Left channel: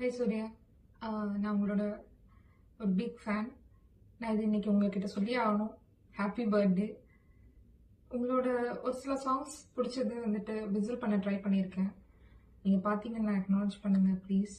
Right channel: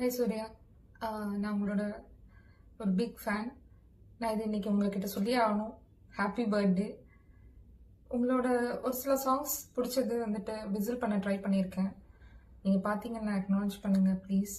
Hi Surya. நான் உங்களோட ஒரு பிக் ஃபேன். நான் இது இன்னைக்கு உங்ககிட்ட சொல்லி ஆகணும். Happy birthday. உங்களோட ஒரு சில சாங்ஸ் பிடிச்சது வந்துட்டு விசில் பண்ண ட்ரை பண்ணியிருக்கேன். நீங்கள் பார்த்தீங்கன்னா அக்னாலஜ் பண்ணுங்கள் ப்ளீஸ்.